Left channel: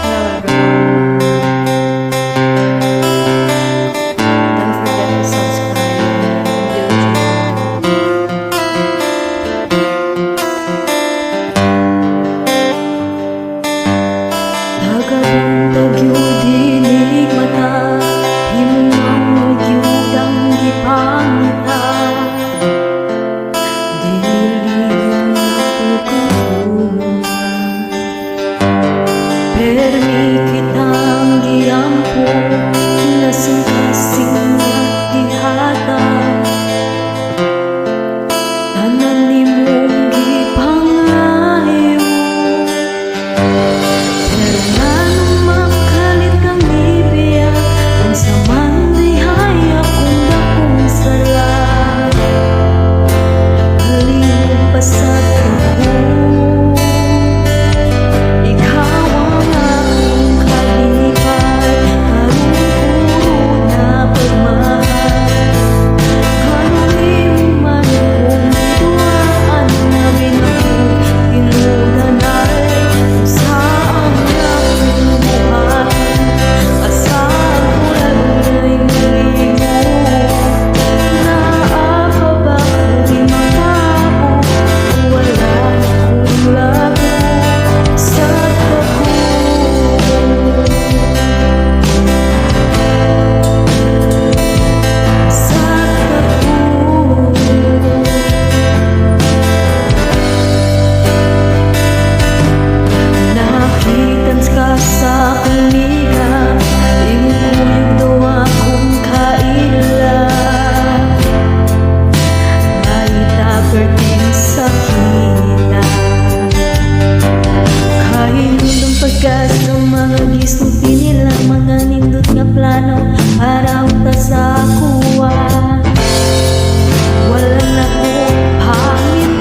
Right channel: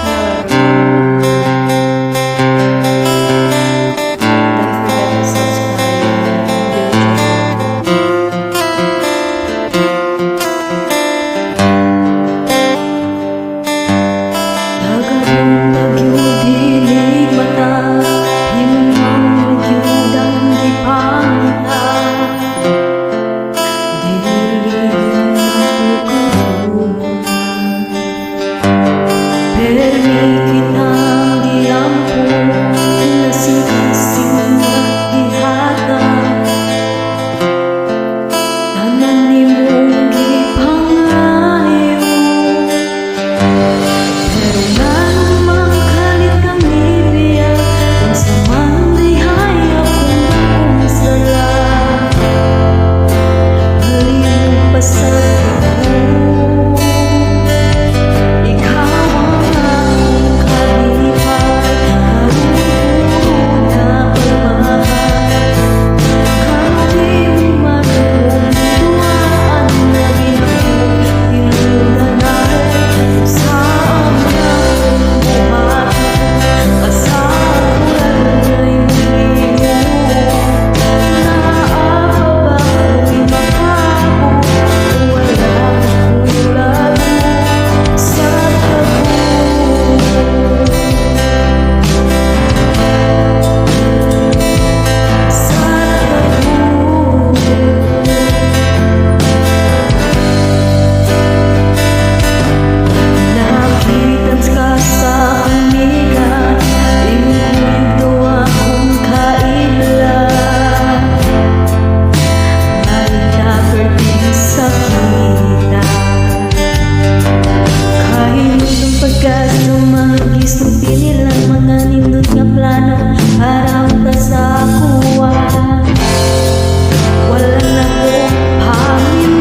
Hello everyone. Don't forget to subscribe in YouTube. Tagabong tagyud hilig mata, himong ang magyudang gipangita. Diligin na po katulungan, permi kitang giampo, nasing-kasing at gihatag. Tanan nimong gipangayo, pero nganong kalit kang nibiyak, unsa man dihay akong dakong sala. Palihog pasag ako, ikaw ang akong kalipay, karon puro na pagmahal. Ganong imo man kung giduaan na binakog, tinudanay usa ang akong buhaton. Asa ang kurabang na imong imo, naa pa ba kung imakabot, wala na ko'y labo sa tago. Sa tago, nakitans ka sa kumiga, imong kuyog daw akong kaila. Mahita perting sakita, kahinudong pagkas ng mga gisnuti nila, mga nindot nga plano para unta sa kuha. Wala na ko hamin